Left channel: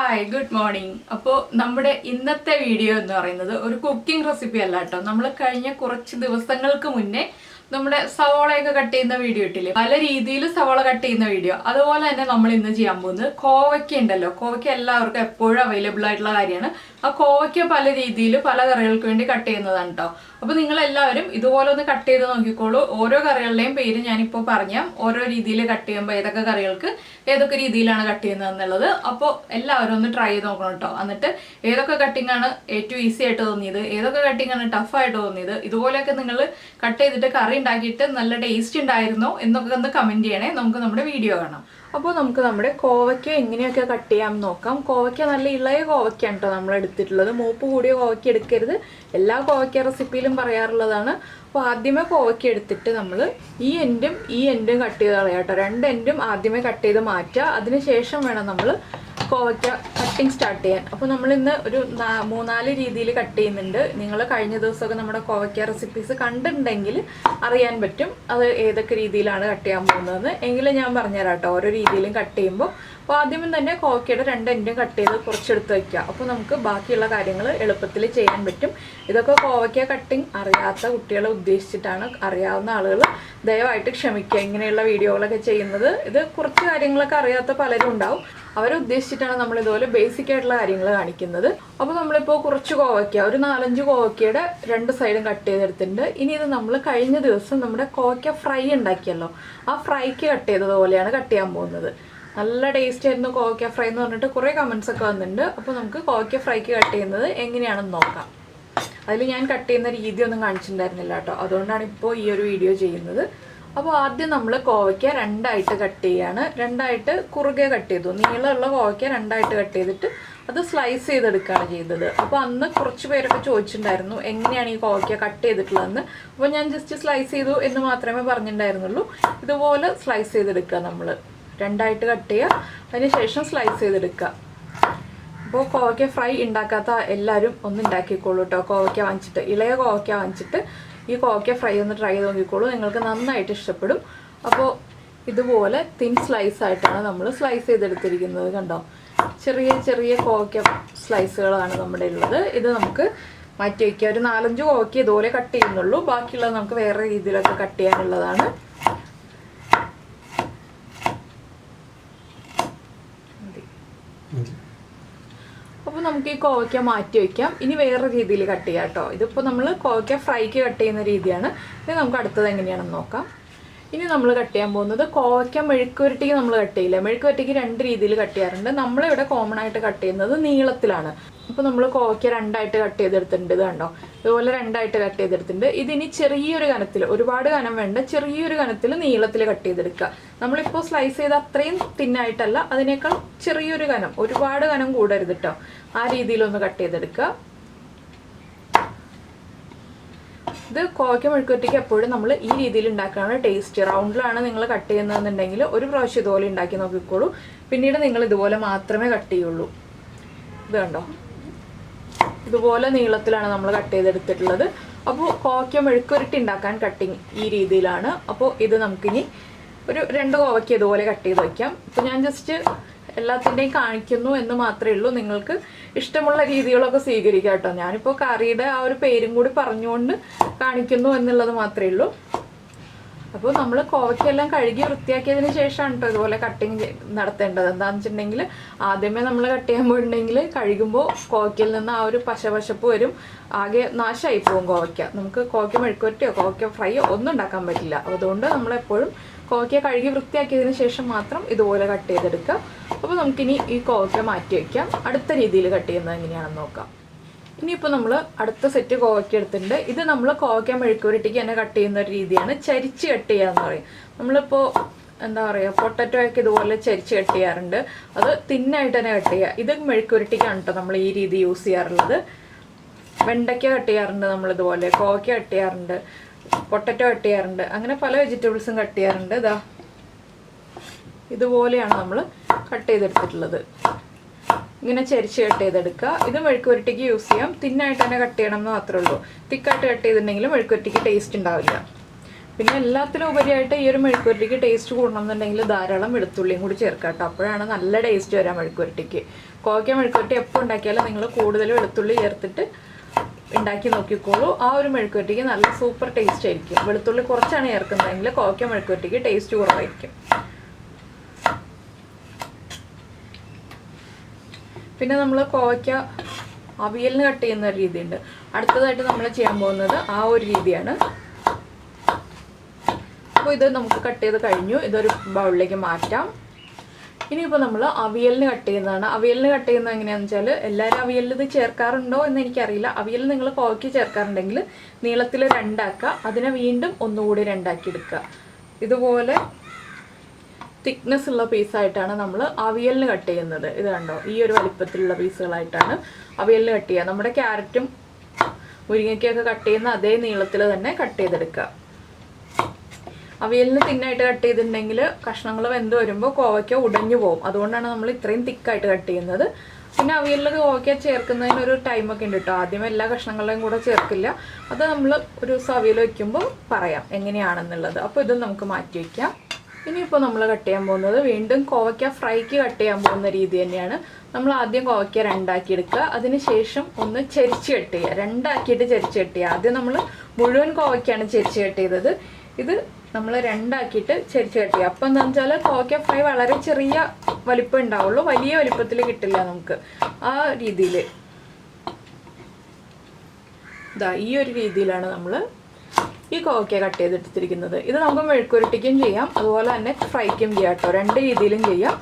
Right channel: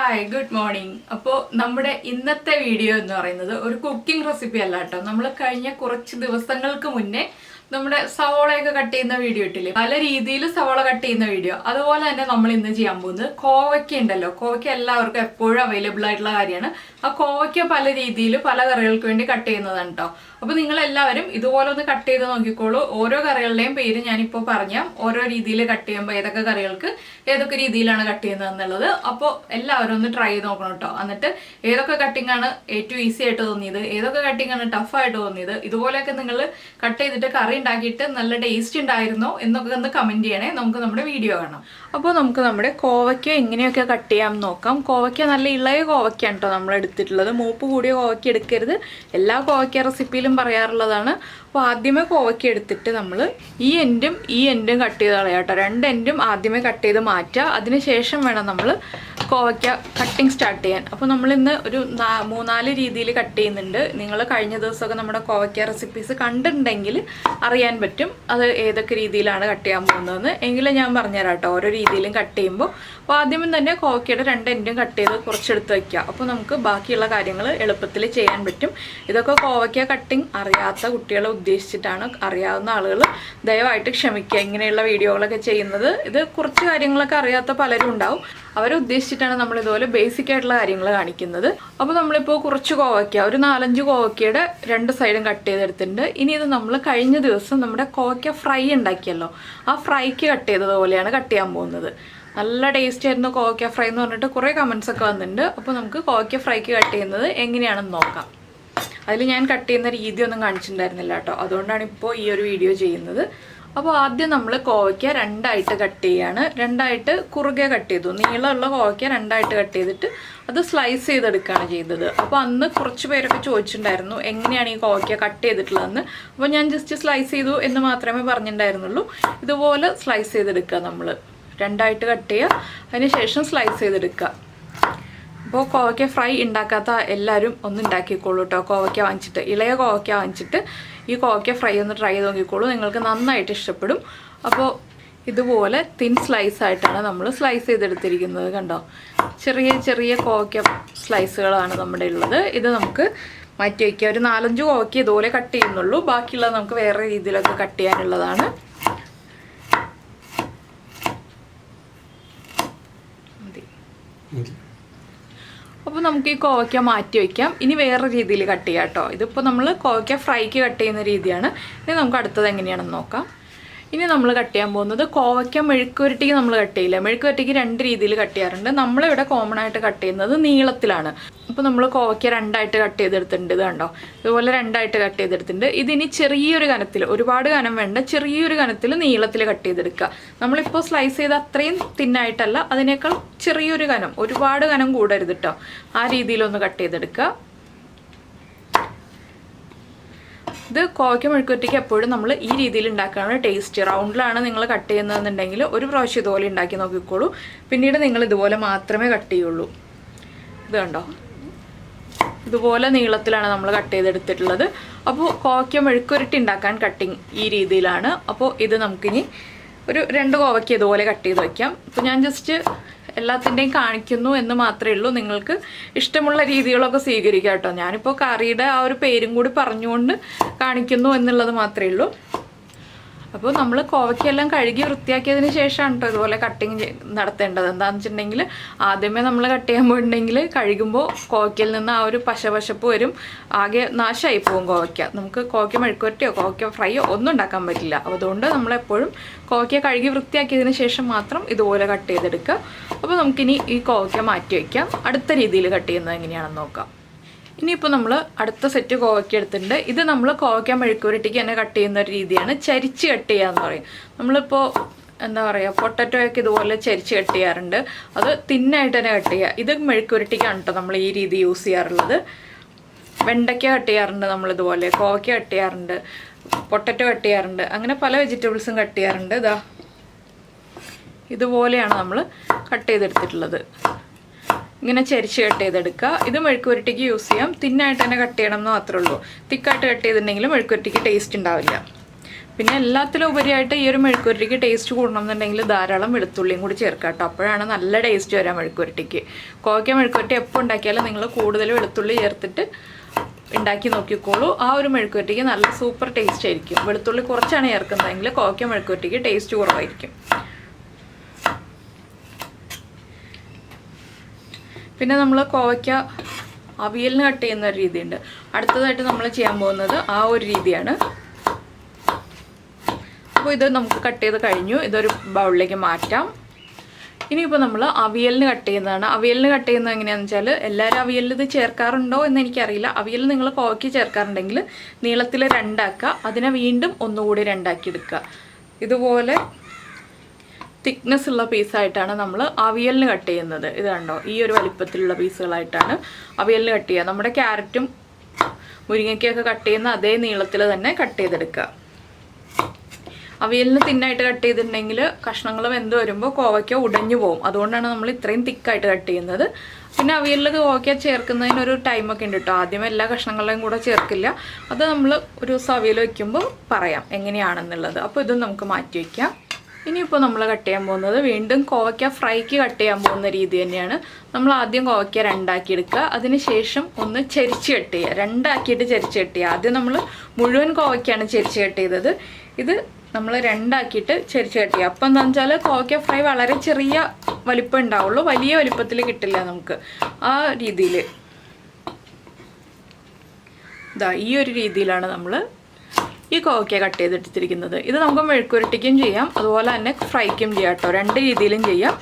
Hi good morning. അപ്പോൾ നമ്മുടെ ഇന്നത്തെ വീഡിയോ എന്ന് പറയുന്നത് ഒരു കുക്കിംഗ് റെസിപ്പി അല്ല കേട്ടോ. നമ്മൾ കഴിഞ്ഞ കുറച്ച് ദിവസങ്ങൾക്ക് മുന്നേ നമ്മുടെ സവോളയൊക്കെ കട്ട് ചെയ്യുന്ന വീഡിയോ ഇട്ടില്ലേ, പല രീതിയിൽ സവോള കട്ട് ചെയ്യുന്ന വീഡിയോ. അതുപോലെ തന്നെ നമ്മൾ ഇന്ന് ചെയ്യാൻ പോകുന്നത് കോവയ്ക്ക ഉണ്ടല്ലോ. കോവയ്ക്ക എല്ലാവർക്കും എപ്പോഴും അവൈലബിൾ ആയിട്ടുള്ള കാര്യമാണ്. ആ കോവയ്ക്ക പല രീതിയിൽ പല കറികൾക്ക് വേണ്ടി കട്ട് ചെയ്യുന്നതാണ് കേട്ടോ. അപ്പോൾ നിങ്ങളെല്ലാവരും ഇതുപോലെ ഒന്ന് കട്ട് ചെയ്ത് നോക്കിക്കോളൂ. ഓരോ കറികളുടെയും പേര് ഞാനിപ്പോൾ പറഞ്ഞാൽ ഓരോ രീതിയിൽ കട്ട് ചെയ്യുമ്പോൾ ഏതൊക്കെ കറികൾക്ക് ഏതൊക്കെ രീതിയിലാണ് കട്ട് ചെയ്യുന്നത് എന്നുള്ളത്. അപ്പോൾ എല്ലാവരും ഒന്ന് ട്രൈ ചെയ്ത് നോക്കണം കേട്ടോ. എന്നിട്ട് ഏതൊക്കെ കട്ടിംഗ് ആണ് ഏറ്റവും ഈസി ആയിട്ട് തോന്നിയത്, ഏതൊക്കെ കട്ടിംഗ് ആണ് ടഫായിട്ട് തോന്നിയത്, ഇതുപോലെയൊക്കെ നിങ്ങൾ കട്ട് ചെയ്തിട്ട് കറി ഉണ്ടാക്കിയിട്ട് നല്ല ടേസ്റ്റ് ഉണ്ടായിരുന്നോ എന്നൊക്കെ ഒന്ന് കമൻറ്റ് ചെയ്യണേ. നമുക്ക് നമ്മുടെ വീഡിയോ കാണാം. അപ്പോൾ നമുക്ക് നമ്മുടെ കോവയ്ക്ക എങ്ങനെയൊക്കെ കട്ട് ചെയ്യാം നോക്കാം. കോവയ്ക്ക നല്ല ഇളയ കോവയ്ക്കാണ് കേട്ടോ നമ്മൾ എടുത്തിട്ടുള്ളത്. മൂപ്പ് കൂടിയ കോവയ്ക്ക എടുക്കരുത്. എല്ലാ കോവയ്ക്ക റെസിപ്പിയിലും പറയാറുള്ളതാണ്. അപ്പോൾ ആദ്യമേ കോവയ്ക്ക എടുത്തിട്ട് നമ്മൾ ഈ എൻഡും കട്ട് ചെയ്ത് കളയാം കേട്ടോ. രണ്ട് എൻഡും ആദ്യമേ കട്ട് ചെയ്ത് മാറ്റുക. അതിനുശേഷം വേണം നമ്മൾ കോവയ്ക്ക കട്ടിങ് സ്റ്റാർട്ട് ചെയ്യാൻ. അപ്പോൾ നമ്മളിന്ന് ഒരു 3-4 രീതിയിൽ കട്ട് ചെയ്യുന്നുണ്ട്. നിങ്ങൾ കഴിഞ്ഞ ദിവസമൊക്കെ നമ്മുടെ കോവയ്ക്ക റെസിപ്പീസ് കണ്ടിട്ടുണ്ടെങ്കിൽ അറിയാൻ പറ്റും അത് ഏതൊക്കെ രീതിയിലാണ് കട്ട് ചെയ്യാൻ പോകുന്നതെന്ന്. എങ്കിലും ഞാൻ പറഞ്ഞുതരാം കേട്ടോ ഓരോ രീതിയിലും കട്ട് ചെയ്യുമ്പോൾ. അപ്പോൾ ആദ്യമേ തന്നെ കോവയ്ക്കയുടെ 2 എൻഡും കട്ട് ചെയ്ത് കുറച്ചെടുത്ത് വയ്ക്കുക. അപ്പോൾ നമുക്ക് ബാക്കിയുള്ള കാര്യങ്ങൾ എളുപ്പത്തിൽ ചെയ്യാൻ പറ്റും. ഇതൊക്കെ കോവയ്ക്ക കട്ടിങ് അറിയാത്ത കുട്ടികളെ ഉദ്ദേശിച്ചിട്ടാണ്. അറിയാവുന്ന ആളുകൾ ദയവായിട്ട് ക്ഷമിക്കുക ഇങ്ങനെയുള്ള വീഡിയോകളൊക്കെ ചെയ്യുന്നത്. ഇത് കുറച്ച് കാര്യങ്ങളൊക്കെ അറിയാത്ത പലരും ഉണ്ടാവും. അവരെ ഉദ്ദേശിച്ചിട്ടാണ് നമ്മൾ ഇതുപോലെ ബേസിക് ആയിട്ടുള്ള കാര്യങ്ങൾ കാണിക്കുന്നത്. അപ്പോൾ നമ്മളിപ്പോൾ കുറച്ച് കോവയ്ക്ക, ഒരു 4-5 കോവയ്ക്കയുടെ 2 സൈഡും കട്ട് ചെയ്തെടുത്തിട്ടുണ്ട്. ഇനി ഇത് നമ്മൾ കഴിഞ്ഞ ദിവസം നമ്മുടെ കോവയ്ക്ക ഫ്രൈ ഉണ്ടാക്കിയല്ലോ, ആ ഫ്രൈക്ക് കട്ട് ചെയ്തതുപോലെയാണ് കട്ട് ചെയ്യാൻ പോകുന്നത്. നല്ല ടേസ്റ്റ് ആയിരുന്നു കോവയ്ക്ക ഫ്രൈ എന്ന് പറഞ്ഞിട്ട് കുറേ കമൻസ് ഒക്കെ വന്നിട്ടുണ്ട്. അപ്പോൾ നമുക്ക് കോവയ്ക്ക ഫ്രൈക്ക് കട്ട് ചെയ്യുന്നത് എങ്ങനെയാണെന്ന് നോക്കാം. അതിൽ ഞാൻ കട്ട് ചെയ്യുന്ന രീതിയൊന്നും കാണിച്ചിട്ടുണ്ടായിരുന്നില്ല കേട്ടോ. അതുകൊണ്ടാണ് ഇപ്പോൾ ഈ ഒരു വീഡിയോ ചെയ്യുന്നത്. അപ്പോൾ ആദ്യം നമ്മൾ കോവയ്ക്ക 2ആയിട്ട് കട്ട് ചെയ്യാണ്. 2ആയിട്ട് കുറുകെ കട്ട് ചെയ്തു. നീളമുള്ള കോവയ്ക്ക 2ആയിട്ട് കട്ട് ചെയ്തിട്ട് അത് സ്ലൈസ് ചെയ്തെടുക്കുകയാണ് ചെയ്തത്. അപ്പോൾ അന്ന് കുറച്ച് പേരൊക്കെ ചോദിച്ചിട്ടുണ്ടായിരുന്നു എങ്ങനെയാണ് ഈ കോവയ്ക്ക കട്ട് ചെയ്തിട്ടുള്ളതെന്ന്. അപ്പോൾ ഞാൻ ജസ്റ്റ് സ്ലൈസ് ചെയ്തു എന്ന് മാത്രമേ പറഞ്ഞിട്ടുണ്ടായിരുന്നുള്ളൂ. ഇതുപോലെ സ്ലൈസ് ചെയ്തെടുക്കുക. നമ്മൾ 2ആയിട്ട് കട്ട് ചെയ്യുക, അതിനുശേഷം സ്ലൈസ് ചെയ്തെടുക്കുക. അപ്പോൾ കോവയ്ക്ക ഫ്രൈ ഉണ്ടാക്കാത്ത എല്ലാവരും ഒന്ന് ഉണ്ടാക്കിക്കോളൂ കേട്ടോ. കോവയ്ക്ക വാങ്ങിച്ചിട്ട്, ഇളയ കോവയ്ക്ക വാങ്ങിച്ചിട്ട് ഈ കോവയ്ക്ക ഫ്രൈ ഒന്ന് ട്രൈ ചെയ്ത് നോക്കിക്കോളൂ. നിങ്ങൾക്ക് നന്നായിട്ട് ഇഷ്ടപ്പെടും. അപ്പോൾ ഇതുപോലെ തിൻ സ്ലൈസ് ആയിട്ടാണ് നമ്മൾ സ്ലൈസ് ചെയ്തെടുത്തിരിക്കുന്നത്. കണ്ടോ, ചെറിയ ചെറിയ കോവയ്ക്ക സ്ലൈസുകളാണ് നമ്മുടെ ഉള്ളത്. ഇത് നമുക്ക് മാറ്റി വയ്ക്കുക. ഒരു 4-5 കോവയ്ക്ക ഇതുപോലെ കട്ട് ചെയ്യുന്നുള്ളൂ. ബാക്കിയുള്ളത് നമുക്ക് വേറെ രീതിയിലൊക്കെ കട്ട് ചെയ്യാനുള്ളതാണ്. അപ്പോൾ നമുക്ക് ഈ കോവയ്ക്ക മാറ്റി വയ്ക്കാം. ഇനി വേറെ രീതിയിൽ കട്ട് ചെയ്യാം കേട്ടോ. ഇതിപ്പോൾ നമ്മൾ കോവയ്ക്ക ഫ്രൈക്ക് കട്ട് ചെയ്യുന്ന രീതിയാണ്. ഇനി നമുക്ക് അടുത്തത് എങ്ങനെയാണെന്ന് നോക്കാം. ഇനി നമ്മൾ കട്ട് ചെയ്യാൻ പോകുന്നത് കോവയ്ക്ക മെഴുക്കുവരട്ടിക്ക് നമ്മൾ കട്ട് ചെയ്യില്ല. മെഴുക്കുവരട്ടിക്ക് 2 രീതിയിൽ കട്ട് ചെയ്യാറുണ്ട്. നമ്മളിവിടെ കോമൺ ആയിട്ട് കട്ട് ചെയ്യുന്നത് നീളത്തിലാണ്. അപ്പോൾ നമ്മൾ കോവയ്ക്ക 2ആയിട്ട് കട്ട് ചെയ്തെടുത്തിട്ടുണ്ട്. ഇത് കണ്ടോ, ഇതുപോലെ 2ആയിട്ട് കട്ട് ചെയ്തെടുത്തിട്ടുണ്ട്. ഇതിനി ചെറിയൊരു കനത്തിൽ, ഒരുപാട് കനം വേണ്ട, ചെറിയൊരു കനത്തിൽ നീളത്തിൽ കട്ട് ചെയ്തെടുക്കുക. നമ്മളിപ്പോൾ സ്ലൈസ് ചെയ്ത് അത്രയും തിന്നായിട്ടല്ല, അതിനേക്കാൾ ചെറിയൊരു കനം, ഒരുപാട് കനം കൂടരുത് കേട്ടോ. ആ രീതിയിലൊന്ന് കട്ട് ചെയ്തെടുക്കുക. ഇത് കോവയ്ക്ക മെഴുക്കുവരട്ടിക്ക് എപ്പോഴും നമ്മൾ ഈ രീതിയിൽ ഉണ്ടാക്കുകയാണ് ടേസ്റ്റ്. റൗണ്ടിലാണ് നിങ്ങൾ കട്ട് ചെയ്യുന്നതെന്നുണ്ടെങ്കിൽ ഒരു പ്രാവശ്യം ഇതുപോലെ ഉണ്ടാക്കി നോക്കിക്കോളൂ. പിന്നീട് നിങ്ങൾ ഇതുപോലെ മാത്രമേ കട്ട് ചെയ്യുള്ളൂ. ഇത് കണ്ടോ, ഇതുപോലെ നീളത്തിലാണ് നമ്മൾ കട്ട് ചെയ്തെടുത്തിട്ടുള്ളത്. അപ്പോൾ കോവയ്ക്ക മെഴുക്കുവരട്ടി ഉണ്ടാക്കാൻ കട്ടിങ് ഈ രീതിയിലാണ്. അപ്പോൾ ഇത് നമുക്കിനി ഒരു 2 കോവയ്ക്ക ഇതുപോലെ കട്ട് ചെയ്ത് വയ്ക്കാം. ഇപ്പോൾ ഞാൻ ജസ്റ്റ് എല്ലാത്തിൻ്റെയും കാണിക്കുന്നു എന്ന് മാത്രമേ ഉള്ളൂ. നിങ്ങൾക്ക് ഇഷ്ടമുള്ള രീതികളൊക്കെ സ്വീകരിക്കാം കേട്ടോ. ഞാനിപ്പോൾ കറിയുടെ ആ ഒരു പേരും കൂടി പറഞ്ഞുകൊണ്ട് കാണിക്കുന്നു എന്നുള്ളത് മാത്രമേ ഉള്ളൂ. അപ്പോൾ നമ്മൾ കോവയ്ക്കെല്ലാം കഴുകി വൃത്തിയാക്കിയതിന് ശേഷമാണ് കേട്ടോ ഇതുപോലെ കട്ടിങ് നടത്തേണ്ടത്. എന്താണെന്ന് വെച്ചിട്ടുണ്ടെങ്കിൽ ആദ്യമേ നമ്മൾ കട്ട് ചെയ്യാൻ പോയിട്ടുണ്ടെങ്കിൽ കഴുകുമ്പോൾ കോവയ്ക്കയിൽ നിന്ന് ആ ഒരു പശപശപ്പ് വരും, ആകെ നാശമായി പോകും കോവയ്ക്ക. നമുക്ക് കോവയ്ക്ക മെഴുക്കുവരട്ടിയോ കോവയ്ക്ക ഫ്രൈയോ ഒന്നും ഉണ്ടാക്കാൻ പറ്റില്ല. അതുകൊണ്ട് നമ്മളെപ്പോഴും കോവയ്ക്ക കഴുകി വൃത്തിയാക്കിയതിന് ശേഷം മാത്രം ഇതുപോലെ കട്ട് ചെയ്തെടുക്കുക. അപ്പോൾ നമുക്കിനി ഈ കോവയ്ക്ക മാറ്റി വയ്ക്കാം. അടുത്ത രീതിയിൽ കട്ട് ചെയ്യുന്നത് എങ്ങനെയാണെന്ന് നോക്കാം. ഇനിയിപ്പോൾ നമ്മൾ അടുത്ത സെറ്റ് കോവയ്ക്ക എടുത്തിട്ടുണ്ട്. ഇത് നമ്മൾ കോവയ്ക്ക മെഴുക്കുവരട്ടിക്ക് തന്നെ കട്ട് ചെയ്യുന്ന ഒരു രീതിയാണ് ചരിച്ച് കട്ട് ചെയ്യുക എന്ന് പറയും. നമ്മളിപ്പോൾ എന്താ പറയുക, പൊട്ടറ്റോയൊക്കെ ഇതുപോലെ ചരിച്ച് കട്ട് ചെയ്യാറുണ്ട്. അത് തിന്നായിട്ട് തന്നെ കട്ട് ചെയ്യുക. ഇത് മെഴുക്കുവരട്ടിക്കാണ് കേട്ടോ നമ്മൾ ഈ രീതി യൂസ് ചെയ്യാറുള്ളത്. വെണ്ടയ്ക്ക കട്ട് ചെയ്യാറുണ്ട് നമ്മളിതുപോലെ, കോവയ്ക്ക കട്ട് ചെയ്യാറുണ്ട്, പൊട്ടറ്റോ കട്ട് ചെയ്യാറുണ്ട്, അങ്ങനെ പല വെജിറ്റബിൾസും കട്ട് ചെയ്യാറുണ്ട്. ഇതാ ഇതുപോലെയാണ് നമ്മൾ കട്ട് ചെയ്തെടുത്തിട്ടുള്ളത്. ഇങ്ങനെ ചരിച്ച് കട്ട് ചെയ്തെടുക്കുക. ഇത് മെഴുക്കുവരട്ടിക്ക് യൂസ് ചെയ്യാം. തിന്നായിട്ട് തന്നെ കട്ട് ചെയ്യണം എന്ന് മാത്രമേ ഉള്ളൂ. തിക്കായിട്ട് കട്ട് ചെയ്തിട്ടുണ്ടെങ്കിൽ മെഴുക്കുവരട്ടിക്ക് ടേസ്റ്റ് ഉണ്ടാവില്ല. പിന്നെ എല്ലാത്തിലും ഉപരിയായിട്ട് ഈ ഒരു മെഴുക്കുവരട്ടിക്ക് ടേസ്റ്റ് കൂടണമെന്നുണ്ടെങ്കിൽ ധാരാളം വെളുത്തുള്ളിയും കൂടി ചേർക്കാം കേട്ടോ. അപ്പോഴാണ് നല്ല ടേസ്റ്റ് വരാം മെഴുക്കുവരട്ടിക്ക്. കോവയ്ക്ക മെഴുക്കുവരട്ടി എപ്പോൾ ഉണ്ടാക്കിയാലും നിങ്ങൾ കൂടുതൽ വെളുത്തുള്ളി ചേർത്തിട്ട് ഉണ്ടാക്കി നോക്കിക്കോളൂ. ആ ഒരു മെഴുക്കുവരട്ടിക്ക് നല്ല സൂപ്പർ ടേസ്റ്റ് ആയിരിക്കും. വെളുത്തുള്ളി കുറച്ചാണ് ചേർക്കുന്നതെങ്കിൽ കോവയ്ക്ക മെഴുക്കുവരട്ടിക്ക് ടേസ്റ്റ് കുറവായിരിക്കും. പിന്നെ നമ്മൾ കോവയ്ക്ക അവിയലിന് കട്ട് ചെയ്യുന്ന ഒരു രീതിയുണ്ട്. അടുത്തതായിട്ട് നമ്മൾ ചെയ്യാൻ പോകുന്നത് ആ ഒരു രീതിയാണ്. അപ്പോൾ ഇത് നമുക്ക് കട്ട് ചെയ്ത് കഴിഞ്ഞു. ഇതൊരു ബൗളിലേക്ക് മാറ്റാം. ഇനിയിപ്പോൾ നമ്മൾ അവിയലിന് കട്ട് ചെയ്യുന്നതാണ്. അവിയലിന് കട്ട് ചെയ്യുന്നത് എങ്ങനെയാണെന്ന് വെച്ചാൽ, എല്ലാവരും അവിയലിൽ ഇത് ചേർക്കാറുണ്ടോ എന്ന് എനിക്കറിയില്ല. അവിയൽ നിങ്ങൾ കോവയ്ക്ക് ചേർക്കാറുണ്ടെങ്കിൽ നീളത്തിൽ രണ്ടാക്കുക, അതിനെ വീണ്ടും ഒന്നുകൂടി രണ്ടാക്കി എടുക്കുക. ഇതുപോലെ തിക്നെസ് ഉള്ള പീസായിട്ടാണ് നമ്മൾ അവിയലിന് കട്ട് ചെയ്യുന്നത്. ഇത് കണ്ടോ, ഈ ഒരു വലിപ്പത്തിലുള്ള പീസുകളായിട്ടാണ് അവിയലിന് കട്ട് ചെയ്യുക. നമ്മുടെ ക്യാരറ്റും മുരിങ്ങയ്ക്കൊക്കെ കട്ട് ചെയ്യുന്ന അതേ നീളത്തിൽ തന്നെ കട്ട് ചെയ്തെടുക്കുക. അവിയലിന് തിന്നായിട്ട് കട്ട് ചെയ്തിട്ടുണ്ടെങ്കിൽ കഷ്ണങ്ങൾ വെന്ത് വരുമ്പോൾ കോവയ്ക്ക ഉടഞ്ഞു പോകും. അതുകൊണ്ടാണ് നമ്മൾ ഇത്രയും തിക്കായിട്ട് കട്ട് ചെയ്യുന്നത്. പിന്നെ അവിയലിൽ കോവയ്ക്ക ചേർക്കുന്നതിനൊരു ടൈമൊക്കെ ഉണ്ട് കേട്ടോ. ആദ്യം എല്ലാ കഷ്ണങ്ങളെയും കൂടെ ചേർക്കില്ല. അത് നമ്മൾ ഒരു ദിവസം അവിയൽ വയ്ക്കുമ്പോൾ പറയാം എങ്ങനെയാണെന്നുള്ളത്. അപ്പോൾ ഇതും നമുക്ക് മാറ്റി വയ്ക്കാം. ഇനിയിപ്പോൾ നമ്മൾ കട്ട് ചെയ്യാൻ പോകുന്നത് വീണ്ടും കോവയ്ക്ക ഫ്രൈക്ക് കട്ട് ചെയ്യാൻ പോകുന്ന രീതി തന്നെയാണ്. നമ്മൾ ആദ്യം കോവയ്ക്ക രണ്ടാക്കി എടുക്കുക, അതിനുശേഷം ഒന്ന് ചെരിച്ച് കട്ട് ചെയ്യുക. രണ്ടാക്കിയിട്ട് ചെരിച്ച് കട്ട് ചെയ്യുക. ആദ്യം നമ്മൾ മുഴുവൻ കോവയ്ക്കാണ് ചെരിച്ച് കട്ട് ചെയ്തത്. ഇത് നമ്മൾ രണ്ടാക്കിയിട്ട് ചെരിച്ച് കട്ട് ചെയ്യുക. അപ്പം എന്താണെന്ന് വെച്ചാൽ കോവയ്ക്ക ഫ്രൈ വളരെ ചെറിയ വലിപ്പം ഉണ്ടാവുള്ളൂ, വലിയ വലിപ്പത്തിൽ കിട്ടില്ല നമുക്ക്. ആ രീതിയിൽ ഇതാ ഈ ഒരു രീതിയിലാണ് നമ്മൾ ഈ കോവയ്ക്ക കട്ട് ചെയ്തെടുത്തിരിക്കുന്നത്. ഇത് നമുക്ക് മെഴുക്കുവരട്ടിക്കും ചെയ്യാം, അതുപോലെ തന്നെ ഫ്രൈക്കും ചെയ്യാം കേട്ടോ. രണ്ട് രീതിയിലും ചെയ്യാം.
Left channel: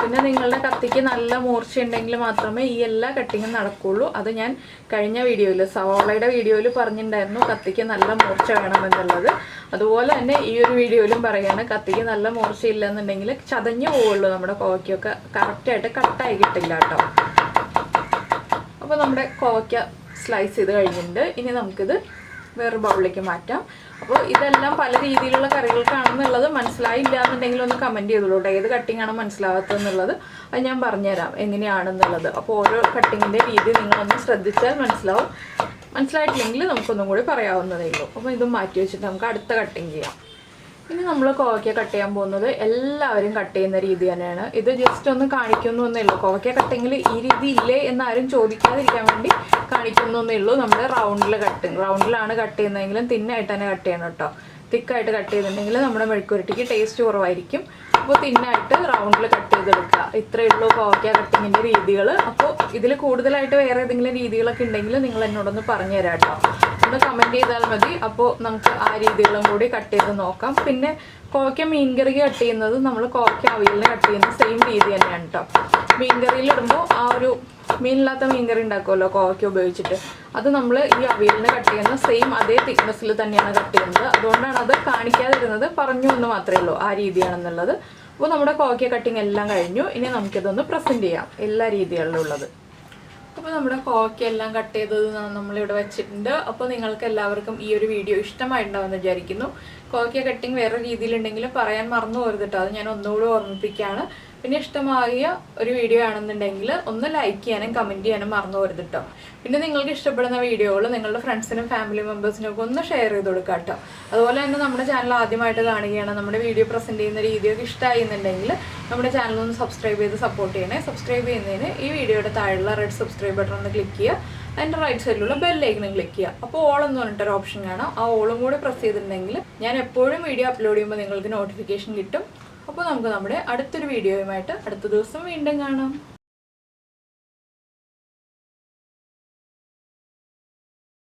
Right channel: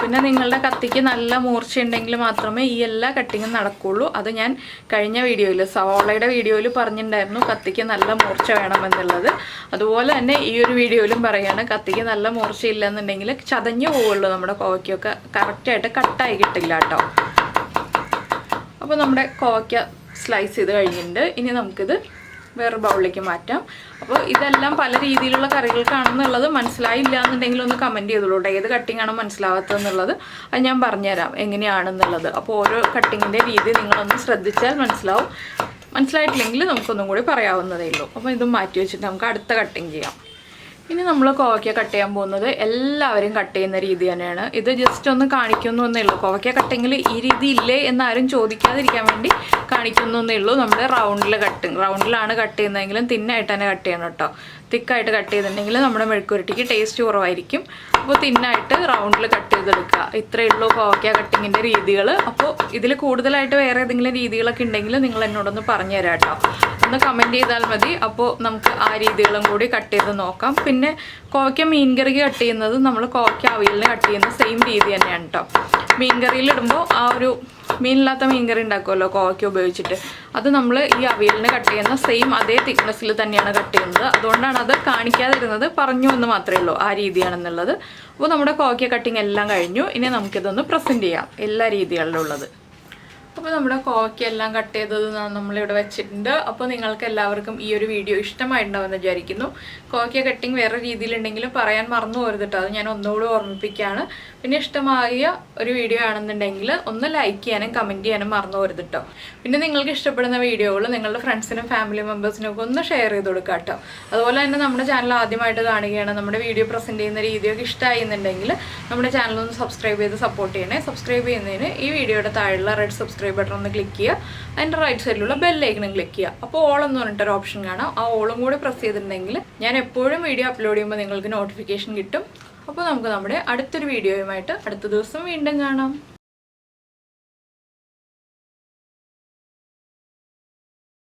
പിന്നെ നിങ്ങളുടെ കത്തിക്ക് നല്ല മൂർച്ച ഉണ്ടെങ്കിൽ മാത്രമേ ഈ എല്ലാ കട്ടിങ്ങും നടക്കുകയുള്ളൂ. അത് ഞാൻ കഴിഞ്ഞ വീഡിയോയിൽ, സവാളയുടെ വീഡിയോയിൽ പറഞ്ഞിട്ടുണ്ടായിരുന്നു കത്തിക്ക് നല്ല മൂർച്ച വേണമെന്നുള്ളത്. അതുപോലെ തന്നെ ഈ ഒരു വീഡിയോയിലും പറയുകയാണ്, കത്തിക്ക് നല്ല മൂർച്ചയില്ല എന്നുണ്ടെങ്കിൽ ചതഞ്ഞു പോവുള്ളൂ. നമ്മുടെ കോവയ്ക്കൊക്കെ കറക്റ്റായിട്ട് കട്ടായി കിട്ടില്ല കേട്ടോ. അപ്പോൾ നമ്മുടെ കോവയ്ക്ക സ്ലൈസ് ചെയ്ത് കഴിഞ്ഞിട്ടുണ്ട്. ഇനി നമുക്കിത് വേറെ ബൗളിലേക്ക് മാറ്റാം. അപ്പോൾ ഇതെല്ലാം പല രീതിയിലുള്ള കറികൾക്കാണെന്നുള്ളത് മനസ്സിലായില്ല എന്നുണ്ടെങ്കിൽ ഒന്ന് കമൻറ്റ് ചെയ്തോളൂ. ഏത് കട്ടിങ് ആണ് മനസ്സിലാവാത്തതെന്നുള്ളത് അത് ഞാൻ പറഞ്ഞുതരാം എങ്ങനെയാണെന്നുള്ളത്. അപ്പോൾ ഓരോ കട്ടിങ്ങിൻ്റെ രീതി നിങ്ങളൊന്ന് ശ്രദ്ധിച്ചാൽ മനസ്സിലാവും. മനസ്സിലായിട്ടില്ലെങ്കിൽ നമുക്കൊന്നും കൂടി പറയാവുന്നതേ ഉള്ളൂ. അപ്പോൾ ഇതും മാറ്റി വെച്ചിട്ട് നമുക്ക് അടുത്ത കട്ടിങ് ചെയ്യാം. ഇനി നമ്മൾ കോവയ്ക്ക കട്ട് ചെയ്യാൻ പോകുന്നത് എല്ലാവരും കട്ട് ചെയ്യുന്ന രീതി തന്നെയാണ്. ഇത് ജസ്റ്റ് ഒന്ന് കാണിക്കുന്നേ ഉള്ളൂ. കോവയ്ക്ക കട്ടിങ്ങിൽ ഈ രീതി ഇല്ലേ എന്നാരും ചോദിക്കാതിരിക്കാൻ വേണ്ടി കാണിക്കുന്നേ ഉള്ളൂ. നമ്മൾ റൗണ്ടിലാണ് കട്ട് ചെയ്യുന്നതെങ്കിലും തിന്നായിട്ട് തന്നെ കട്ട് ചെയ്യണം കേട്ടോ. തിക്കായിട്ട് കട്ട് ചെയ്തിട്ടുണ്ടെങ്കിൽ നമ്മുടെ മെഴുക്കുവരട്ടിക്ക് ടേസ്റ്റ് കുറവായിരിക്കും. അപ്പോൾ തിന്നായിട്ട് റൗണ്ടിൽ കട്ട് ചെയ്തെടുക്കുക. ഇത്രയേ ഉള്ളൂ കോവയ്ക്ക കട്ടിങ്ങിൻ്റെ രീതികൾ. അപ്പോൾ ഇതിൽ കൂടുതലായിട്ട് വേറെ ഏതെങ്കിലും രീതികളൊക്കെ ഉണ്ടെങ്കിൽ നിങ്ങൾ എന്നോടൊന്ന് പറഞ്ഞു തരാം കേട്ടോ. ഒന്ന് കമൻറ്റ് ചെയ്താൽ മതി. അപ്പോൾ നമുക്ക് ആ രീതികളും കൂടി കട്ട് ചെയ്ത് നോക്കാം. പിന്നെ കോവയ്ക്ക മീൻകറിക്ക് കട്ട് ചെയ്യുന്നത് നമ്മൾ കോവയ്ക്ക അവിയലിന് കട്ട് ചെയ്യുന്ന സെയിം രീതി തന്നെയാണ് കേട്ടോ. മീൻകറിയിലിടുമ്പോൾ ആ ഒരു മീനില്ലാത്ത മീൻകറി ഉണ്ടാക്കുമല്ലോ കോവയ്ക്ക ഉപയോഗിച്ചിട്ട്, അത് നമ്മൾ ഈ അവിയലിന് കട്ട് ചെയ്യുന്ന സെയിം അതേ തിക്നെസ്സിൽ തന്നെയാണ് കട്ട് ചെയ്യുന്നത്. അതുകൊണ്ടാണ് അത് കാണിക്കാതിരുന്നത്, പറഞ്ഞു എന്ന് മാത്രമേ ഉള്ളൂ ആ രീതിയാണെന്നുള്ളത്. അപ്പോൾ നമ്മുടെ കോവയ്ക്ക കട്ടിങ് എല്ലാം കഴിഞ്ഞു. ഇനി നമുക്കിതൊന്ന് പ്രസൻറ്റ് ചെയ്യാം എല്ലാ രീതികളിലുള്ളത്. അപ്പോൾ നമ്മുടെ കോവയ്ക്ക എല്ലാം കട്ട് ചെയ്തത് നമ്മളിവിടെ വെച്ചിട്ടുണ്ട്. അപ്പോൾ നിങ്ങൾക്ക് എല്ലാവർക്കും ഈ ഒരു വീഡിയോ ഇഷ്ടമായിട്ടുണ്ടാവുമെന്ന് വിചാരിക്കുന്നു. കോവയ്ക്ക കട്ടിങ് വേറെ രീതിയിലുണ്ടെങ്കിലും പറയാൻ മറന്നു പോരുത് കേട്ടോ. അത് ഞാൻ ഒന്നുകൂടി ഓർമ്മിപ്പിക്കുകയാണ്. പിന്നെ ഇഷ്ടമായ ഒരു വീഡിയോ ആണെന്നുണ്ടെങ്കിൽ ഒന്ന് ലൈക്ക് ചെയ്യാനും കമൻറ്റ് ചെയ്യാനും മറന്നു പോരുത് കേട്ടോ. പിന്നെ നിങ്ങൾക്ക് ഇഷ്ടപ്പെടുന്ന വീഡിയോകൾ നിങ്ങളുടെ ഫ്രണ്ട്സിനും ഫാമിലി മെമ്പേഴ്സിനും ഒക്കെ ഒന്ന് ഷെയർ ചെയ്ത് കൊടുക്കുക കേട്ടോ. അതുപോലെ തന്നെ നമ്മുടെ ചാനൽ ആദ്യമായിട്ട് കാണുകയാണ്, നമ്മുടെ വീഡിയോ പ്രസൻറ്റ് ചെയ്യുന്ന രീതിയൊക്കെ ഇഷ്ടമായിരുന്നുണ്ടെങ്കിൽ നമ്മുടെ ചാനൽ ഒന്ന് സബ്സ്ക്രൈബ് ചെയ്ത് സപ്പോർട്ട് ചെയ്യണേ. സബ്സ്ക്രൈബ് ചെയ്യുന്നതിന് ഈ വീഡിയോയുടെ താഴെയുള്ള റെഡ് സബ്സ്ക്രൈബ് ബട്ടൺ ഒന്ന് ക്ലിക്ക് ചെയ്യുക. അതിൻ്റെ റൈറ്റ് സൈഡിലുള്ള ബെല്ലൈക്കണും ക്ലിക്ക് ചെയ്യുക. അപ്പോൾ ഓൾ എന്ന് പറഞ്ഞിട്ടൊരു ഓപ്ഷൻ കാണാം. ആ ഓളും കൂടി പ്രസ് ചെയ്തിട്ടുണ്ടെങ്കിൽ ഞാൻ എപ്പോഴും വീഡിയോ അപ്ലോഡ് ചെയ്യുമ്പോൾ നിങ്ങൾക്ക് നോട്ടിഫിക്കേഷൻ കിട്ടും. അപ്പോൾ നമുക്ക് നമ്മുടെ അടുത്തൊരു വീഡിയോയുമായിട്ട് അടുത്ത ദിവസം വീണ്ടും കാണാം.